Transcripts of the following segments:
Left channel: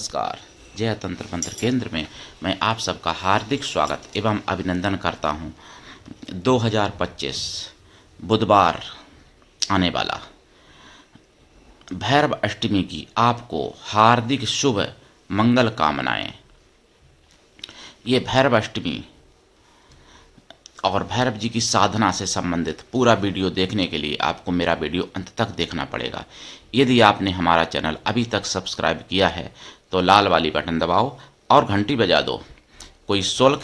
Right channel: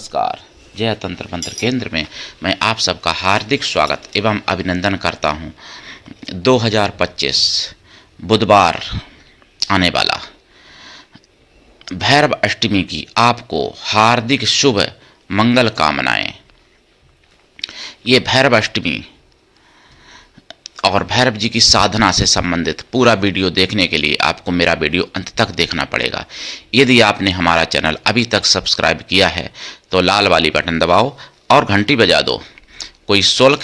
नमस्कार। जय तंत्र मंत्र केंद्र में मैं आप सबका हार्दिक स्वागत एवं अभिनंदन करता हूं। 2025 बुधवार आने वाला भैरव अष्टमी की आपको हार्दिक शुभ मंगल कामनाएं। ये भैरव अष्टमी और भैरव जी की साधना से संबंधित पूरा वीडियो देखने के लिए आपको मेरा वीडियो अंत तक देखना पड़ेगा। यदि आपने हमारा चैनल अभी तक सब्सक्राइब किया है तो लाल वाली बटन दबाओ और घंटी बजा दो। कोई शुल्क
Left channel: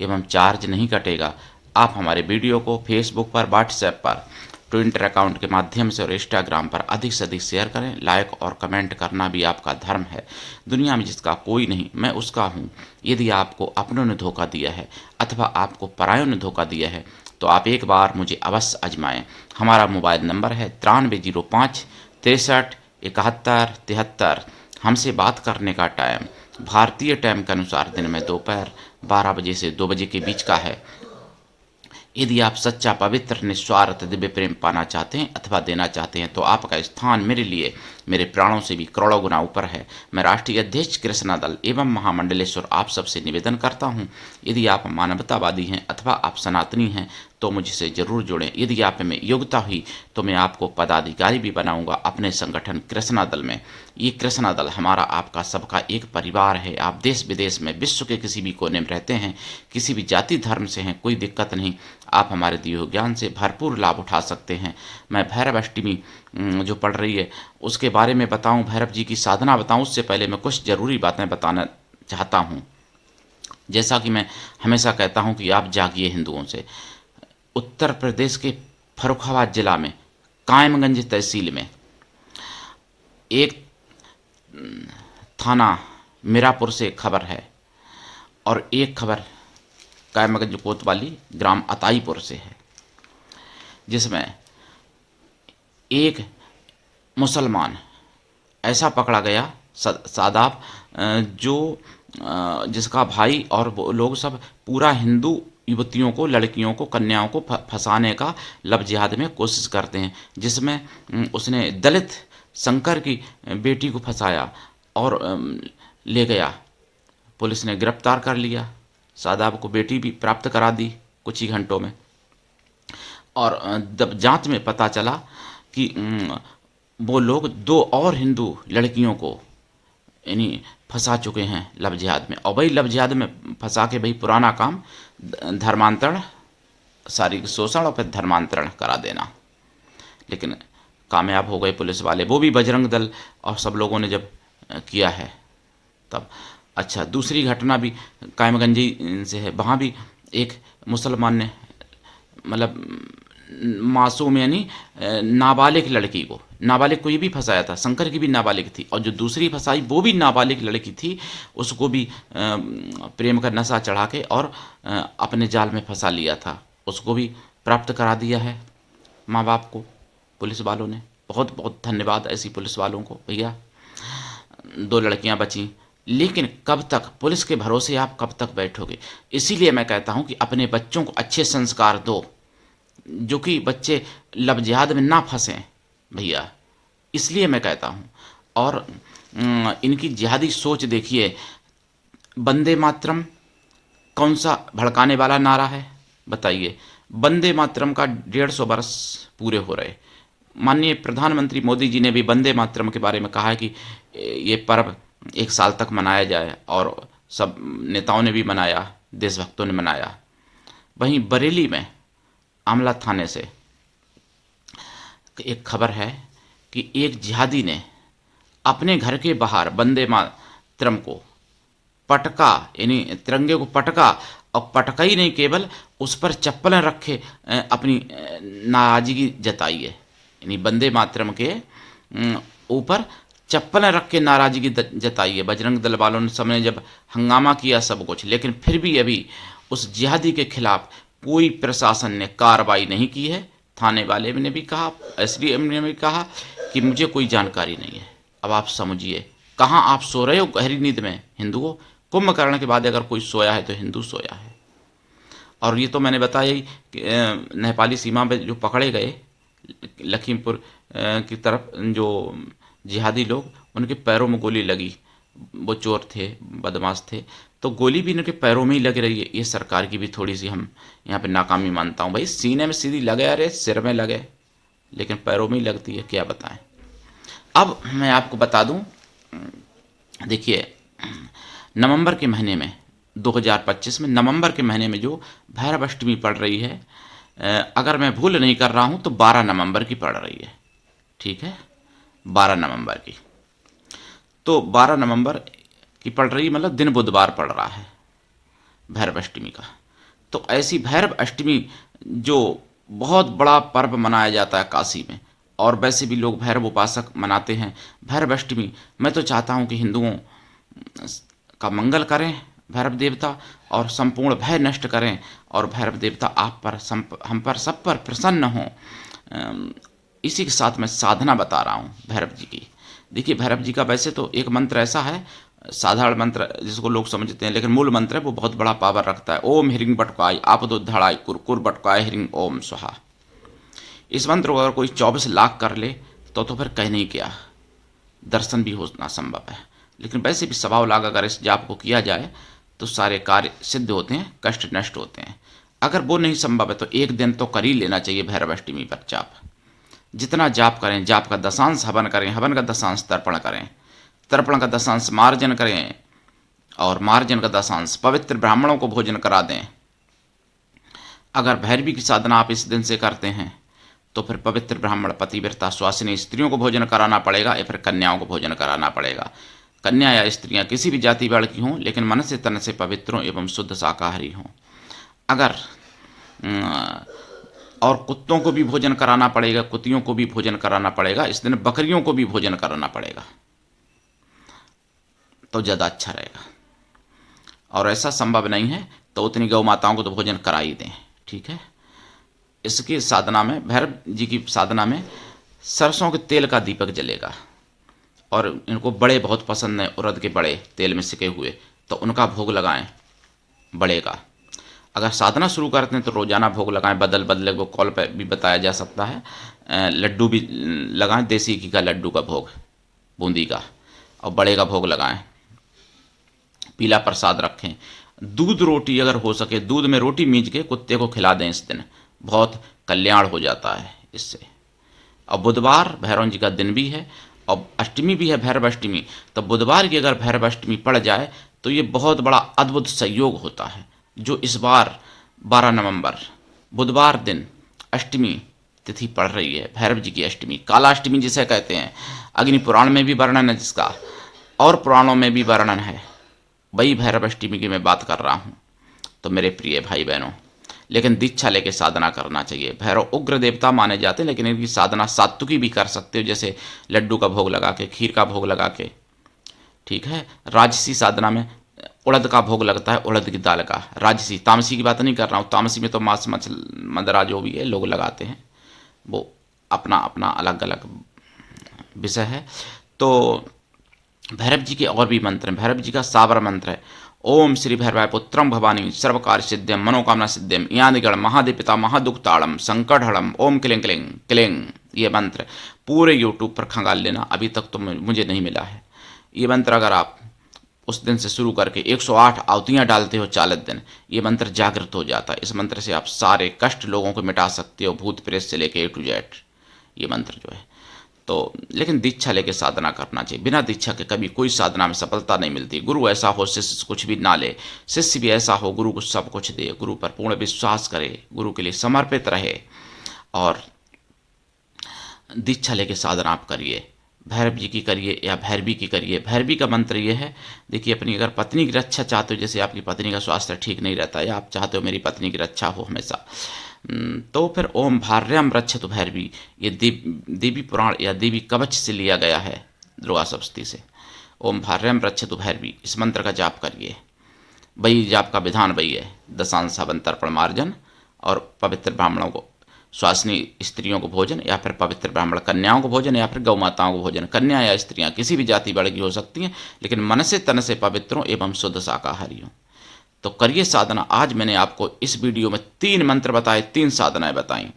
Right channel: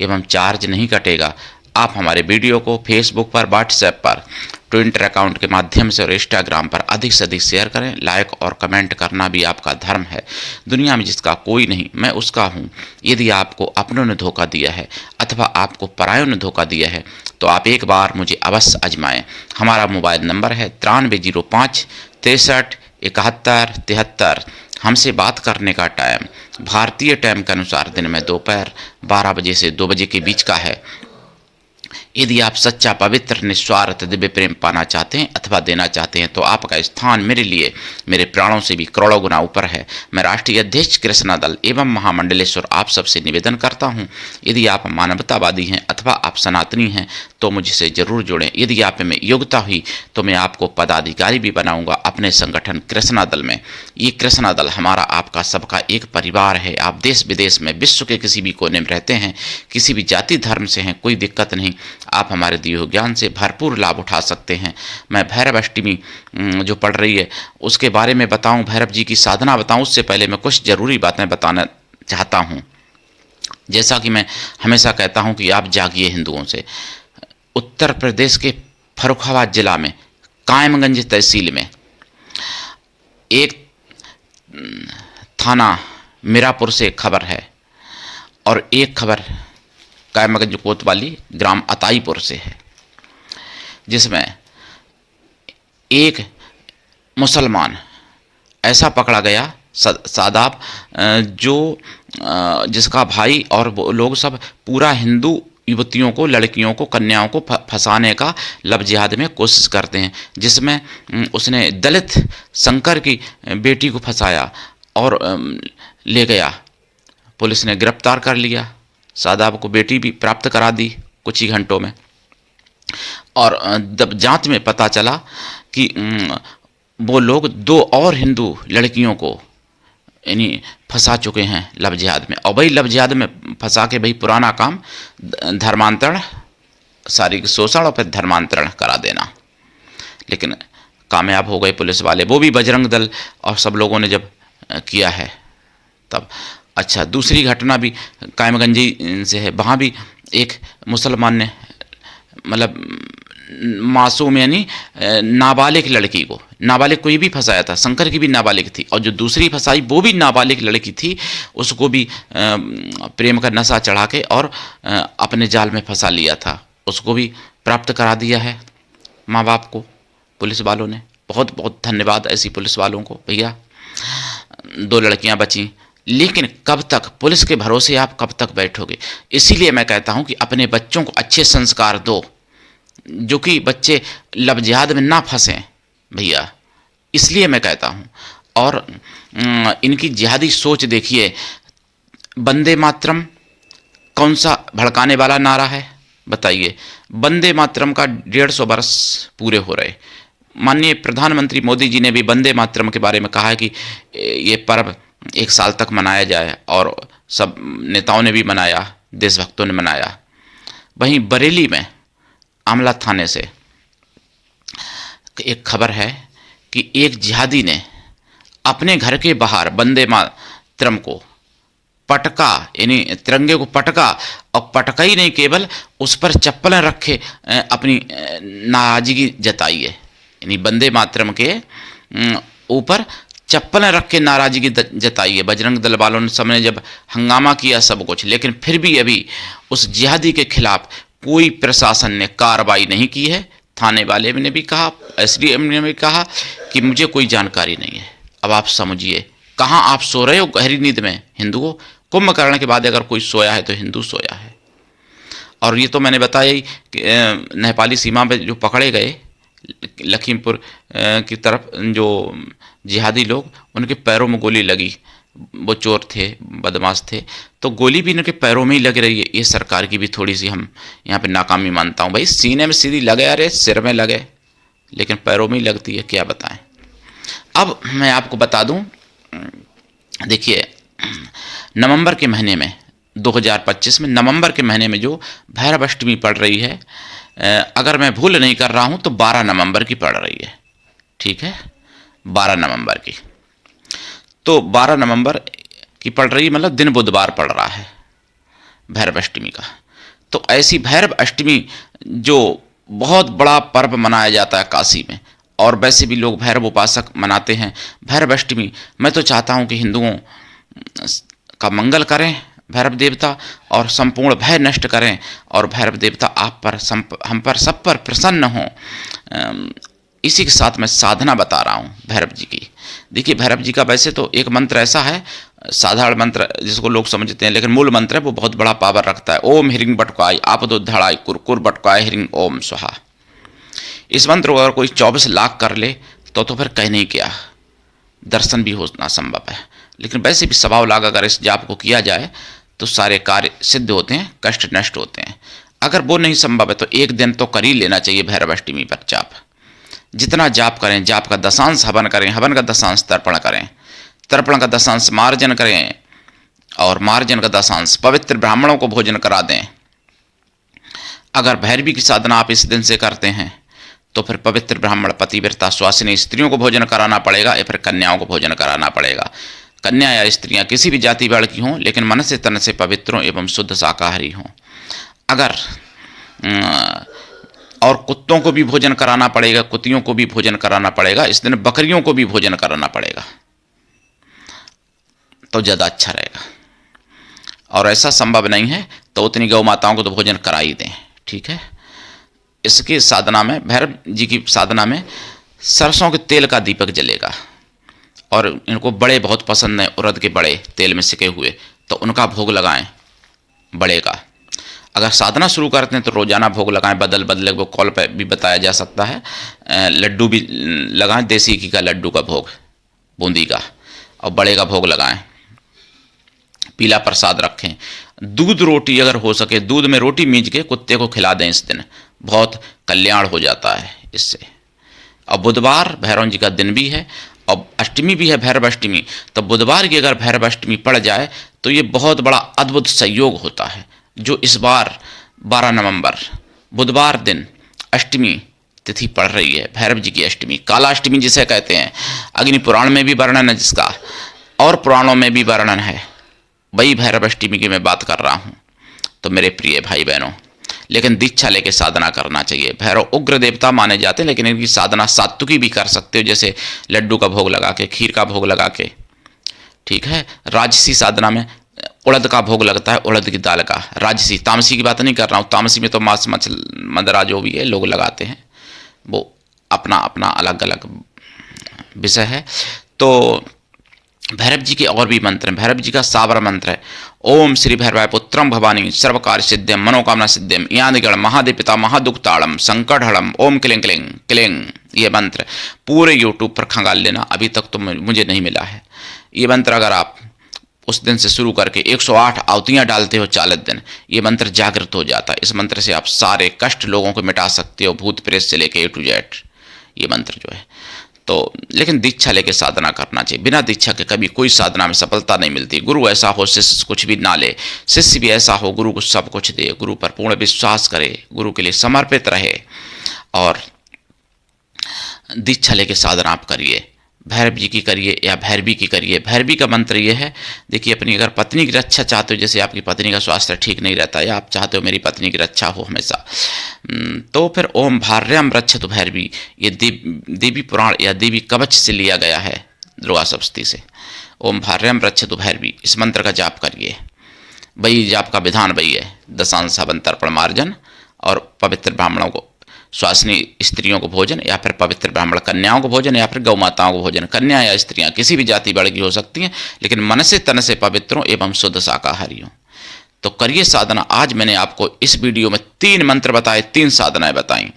एवं चार्ज नहीं कटेगा। आप हमारे वीडियो को फेसबुक पर, व्हाट्सएप पर, ट्विटर अकाउंट के माध्यम से और इंस्टाग्राम पर अधिक से अधिक शेयर करें। लाइक और कमेंट करना भी आपका धर्म है। दुनिया में जिसका कोई नहीं, मैं उसका हूँ। यदि आपको अपनों ने धोखा दिया है अथवा आपको परायों ने धोखा दिया है तो आप एक बार मुझे अवश्य आजमाएं। हमारा मोबाइल नंबर है 9305 63 71 73। हमसे बात करने का टाइम भारतीय टाइम के अनुसार दिन में दोपहर 12 बजे से 2 बजे के बीच का है। यदि आप सच्चा, पवित्र, निस्वार्थ दिव्य प्रेम पाना चाहते हैं अथवा देना चाहते हैं तो आपका स्थान मेरे लिए मेरे प्राणों से भी करोड़ों गुना ऊपर है। मैं राष्ट्रीय अध्यक्ष कृष्णा दल एवं महामंडलेश्वर आप सबसे निवेदन करता हूं, यदि आप मानवतावादी हैं अथवा आप सनातनी हैं तो मुझसे जरूर जुड़ें। यदि आप में योग्यता हुई तो मैं आपको पदाधिकारी भी बनाऊंगा अपने संगठन कृष्णा दल में। ये कृष्णा दल हमारा आपका सबका एक परिवार है। आप देश विदेश में, विश्व के किसी भी कोने में रहते हैं, किसी भी जाति धर्म से हैं, कोई दिक्कत नहीं। आप हमारे दिए हुए ज्ञान से भरपूर लाभ उठा सकते हैं। मैं भैरव अष्टमी जो पड़ रही है उसके बारे में बताऊं, भैरव जी की साधना बताऊं, उससे पहले मैं कुछ जरूरी बातें बताना चाहता हूं। जैसा कि मैं हमेशा कहता हूं कि आप जागिए हिंदुओं से। उत्तर प्रदेश के फर्रुखाबाद जिला में कायमगंज तहसील में एक थाना मीरापुर से खबर है और एक खबर कायमगंज कोतवाली ग्राम अताईपुर से है, जिसमें एक मुसलमान ऐसा पकड़ा गया सादाब, जो जिसका भाई और वो लोग सब पूरा हिंदू युवतियों को, लड़कियों को, कन्याओं को फंसाने का लब जिहाद में कोशिश करते हैं, जिसमें उसने दलित शंकर की बेटी को फंसाया और ले गया। पुलिस ने गिरफ्तार कर लिया। सादाब को बेटी भी प्राप्त करा दी कुछ ही घंटों में। और जब जांच में पता चला कि वो लोग 2 और हिंदू लड़कियों को यानी फंसा चुके हैं लव जिहाद में। और वही लव जिहाद में फंसा के वही पुराना काम धर्मांतरण, शारीरिक शोषण और फिर धर्मांतरण करा देना। लेकिन कामयाब हो गए पुलिस वाले, वो भी बजरंग दल और सब लोगों ने जब किया है तब। अच्छा, दूसरी घटना भी कायमगंजी से है। वहाँ भी एक मुसलमान ने मतलब मासूम यानी नाबालिग लड़की को, नाबालिग को ये भी फंसाया था। शंकर की भी नाबालिग थी और जो दूसरी फंसाई वो भी नाबालिग लड़की थी। उसको भी प्रेम का नशा चढ़ा के और अपने जाल में फंसा लिया था। उसको भी प्राप्त करा दिया है माँ बाप को पुलिस वालों ने। बहुत बहुत धन्यवाद ऐसी पुलिस वालों को भैया। 2 लड़कियां बची, लेकिन कब तक पुलिस के भरोसे आप कब तक बैठोगे? इसीलिए मैं कहता हूं कि अपने बच्चों को अच्छे संस्कार दो, जो कि बच्चे लव जिहाद में ना फंसें भैया। इसलिए मैं कहता हूं। और इनकी जिहादी सोच देखिए। वंदे मातरम कौन सा भड़काने वाला नारा है बताइए। वंदे मातरम का 150 वर्ष पूरे हो रहे। माननीय प्रधानमंत्री मोदी जी ने भी वंदे मातरम के बारे में कहा है कि ये पर्व 1 साल तक मनाया जाए, और सब नेताओं ने भी मनाया, देशभक्तों ने मनाया। वहीं बरेली में आमला थाने से एक खबर है कि एक जिहादी ने अपने घर के बाहर वंदे मातरम को पटका, यानी तिरंगे को पटका, और पटका ही नहीं, केवल उस पर चप्पलें रखे अपनी नाराजगी जताई है। यानी वंदे मातरम के ऊपर चप्पलें रख के नाराजगी जताई है। बजरंग दल वालों ने सबने जब हंगामा किया सब कुछ, लेकिन फिर भी अभी उस जिहादी के खिलाफ कोई प्रशासन ने कार्रवाई नहीं की है। थाने वाले ने भी कहा, एसडीएम ने भी कहा कि मुझे कोई जानकारी नहीं है। अब आप समझिए, कहाँ आप सो रहे हो गहरी नींद में हिंदुओं? कुंभकर्ण के बाद अगर कोई सोया है तो हिंदू सोया है। और ये तो मैंने बताया ही कि नेपाली सीमा पे जो पकड़े गए लखीमपुर की तरफ जो जिहादी लोग, उनके पैरों में गोली लगी। वो चोर थे, बदमाश थे, तो गोली भी इनके पैरों में ही लग रही है। ये सरकार की भी थोड़ी सी हम यहाँ पे नाकामी मानता हूँ। भाई सीने में सीधी लगे, अरे सिर में लगे, लेकिन पैरों में ही लगती है, क्या बताएं। अब मैं आपको बता दूं, देखिए नवंबर के महीने में 2025 में नवंबर के महीने में जो भैरव अष्टमी पड़ रही है, अगर मैं भूल नहीं कर रहा हूं तो 12 नवंबर की पड़ रही है, ठीक है, 12 नवंबर की। तो 12 नवंबर की पड़ रही, मतलब दिन बुधवार पड़ रहा है भैरव अष्टमी का। तो ऐसी भैरव अष्टमी जो बहुत बड़ा पर्व मनाया जाता है काशी में, और वैसे भी लोग भैरव उपासक मनाते हैं भैरव अष्टमी। मैं तो चाहता हूं कि हिंदुओं का मंगल करें भैरव देवता, और संपूर्ण भय नष्ट करें, और भैरव देवता आप पर, हम पर, सब पर प्रसन्न हों। इसी के साथ मैं साधना बता रहा हूँ भैरव जी की। देखिए भैरव जी का वैसे तो एक मंत्र ऐसा है, साधारण मंत्र जिसको लोग समझते हैं, लेकिन मूल मंत्र है वो बहुत बड़ा पावर रखता है। ओम हिरिंग बटकाई आपदो धड़ाई कुरकुर बटकाए हिरिंग ओम स्वाहा। इस मंत्र को अगर कोई 24 लाख कर ले तो फिर कहने ही क्या, दर्शन भी होना संभव है। लेकिन वैसे भी 1.25 लाख अगर इस जाप को किया जाए तो सारे कार्य सिद्ध होते हैं, कष्ट नष्ट होते हैं। अगर वो नहीं संभव है तो एक दिन तो कर ही लेना चाहिए भैरव अष्टमी पर जाप। जितना जाप करें, जाप का दशांश हवन करें, हवन का दशांश तर्पण करें, तर्पण का दशांश मार्जन करें, और मार्जन का दशांश पवित्र ब्राह्मणों को भोजन करा दें। अगर भैरवी की साधना आप इस दिन से करते हैं तो फिर पवित्र ब्राह्मण पतिव्रता स्वासिनी स्त्रियों को भोजन कराना पड़ेगा, या फिर कन्याओं को भोजन कराना पड़ेगा। कन्या या स्त्रियां किसी भी जाति वर्ण की हों, लेकिन मन से तन से पवित्रों एवं शुद्ध शाकाहारी हों। अगर और कुत्तों को भी भोजन कराना पड़ेगा, कुतियों को भी भोजन कराना पड़ेगा, इस दिन बकरियों को भी भोजन कराना पड़ेगा तो ज़्यादा अच्छा रहेगा। और ऐसा संभव नहीं है तो उतनी गौ माताओं को तो भोजन करा ही दें, ठीक है। इसकी साधना में, भैरव जी की साधना में सरसों के तेल का दीपक जलेगा, और इनको बड़े बहुत पसंद है, उड़द के बड़े तेल में सिके हुए, तो उनका भोग लगाएं बड़े का। अगर साधना शुरू करते हैं तो रोज़ाना भोग लगाएं, बदल बदले, वो कॉल पर भी बताया जा सकता है। लड्डू भी लगाएं, देसी घी का लड्डू का भोग, बूंदी का, और बड़े का भोग लगाएं। पीला प्रसाद रखें। दूध रोटी अगर हो सके, दूध में रोटी मींज के कुत्ते को खिला दें, इस दिन बहुत कल्याण हो जाता है इससे। और बुधवार भैरव जी का दिन भी है, और अष्टमी भी है भैरव अष्टमी, तो बुधवार की अगर भैरव अष्टमी पड़ जाए तो ये बहुत बड़ा अद्भुत संयोग होता है। जो इस बार 12 नवंबर बुधवार दिन अष्टमी तिथि पड़ रही है, भैरव जी की अष्टमी, कालाष्टमी जिसे कहते हैं, अग्नि पुराण में भी वर्णन है जिसका, और पुराणों में भी वर्णन है। वही भैरव अष्टमी की मैं बात कर रहा हूँ। तो मेरे प्रिय भाई बहनों, लेकिन दीक्षा लेके साधना करना चाहिए। भैरव उग्र देवता माने जाते हैं, लेकिन इनकी साधना सात्विकी भी कर सकते हो, जैसे लड्डू का भोग लगा के, खीर का भोग लगा के, ठीक है। राजसी साधना में उड़द का भोग लगता है, उड़द की दाल का, राजसी। तामसी की बात नहीं कर रहा हूँ, तामसी में तो मांस मदरा जो भी है लोग लगाते हैं, वो अपना अपना अलग अलग विषय है। तो भैरव जी के और भी मंत्र हैं। भैरव जी का सावर मंत्र है, ओम श्री भैरवाय पुत्रम भवानी सर्वकार सिद्ध्यम मनोकामना सिद्ध्यम यादगण महादेव पिता महादुक्ताड़म संकटहड़म ओम क्लिंग क्लिंग क्लिंग। ये मंत्र पूरे यूट्यूब पर खंगाल लेना, अभी तक तो मुझे नहीं मिला है। ये मंत्र अगर आप उस दिन से शुरू करके 108 आहुतियाँ डालते हो 40 दिन, ये मंत्र जागृत हो जाता है। इस मंत्र से आप सारे कष्ट लोगों को मिटा सकते हो, भूत प्रेत से लेके A to Z, ये मंत्र जो है। तो लेकिन दीक्षा लेके साधना करना चाहिए। बिना दीक्षा के कभी कोई साधना में सफलता नहीं मिलती। गुरु ऐसा हो शिष्य कुछ भी ना ले, शिष्य भी ऐसा हो गुरु को सब कुछ दे, गुरु पर पूर्ण विश्वास करे, गुरु के लिए समर्पित रहे, और दीक्षा लेके साधना आप करिए। भैरव जी की करिए या भैरवी की करिए। भैरवी का मंत्र ये है, देखिए अपनी अगर पत्नी की रक्षा चाहते हो, जैसे आपकी पत्नी का स्वास्थ्य ठीक नहीं रहता, या आप चाहते हो मेरी पत्नी की रक्षा हो हमेशा, तो फिर ओम भार्याम रक्षतु भैरवी, ये देवी पुराण या देवी कवच से लिया गया है, दुर्गा सप्तशती से। ओम भार्याम रक्षतु भैरवी, इस मंत्र का जाप करिए। वही जाप का विधान वही है, दशांश हवन तर्पण मार्जन, और पवित्र ब्राह्मणों को, स्वासिनी स्त्रियों को भोजन, या फिर पवित्र ब्राह्मण कन्याओं को भोजन, या फिर गौ माताओं को भोजन। कन्या या स्त्रियां किसी भी जाति वर्ग की हो सकती हैं, लेकिन मन से तन से पवित्रों एवं शुद्ध शाकाहारी हों। तो करिए साधना। आज मैंने आपको इस वीडियो में 3 मंत्र बताए, 3 साधनाएं बताई।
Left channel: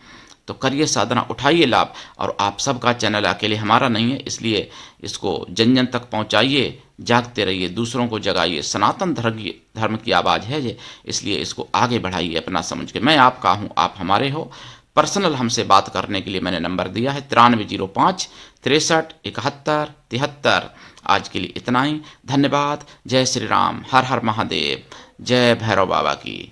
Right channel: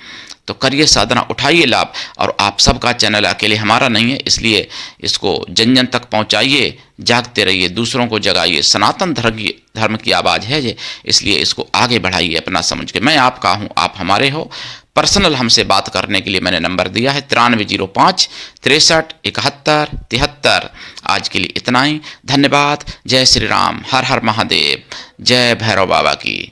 तो करिए साधना, उठाइए लाभ। और आप सबका चैनल अकेले हमारा नहीं है, इसलिए इसको जन जन तक पहुंचाइए, जागते रहिए, दूसरों को जगाइए। सनातन धर्म की आवाज़ है ये, इसलिए इसको आगे बढ़ाइए अपना समझ के। मैं आपका हूँ, आप हमारे हो। पर्सनल हमसे बात करने के लिए मैंने नंबर दिया है 9305 63 71 73। आज के लिए इतना ही, धन्यवाद। जय श्री राम, हर हर महादेव, जय भैरव बाबा की।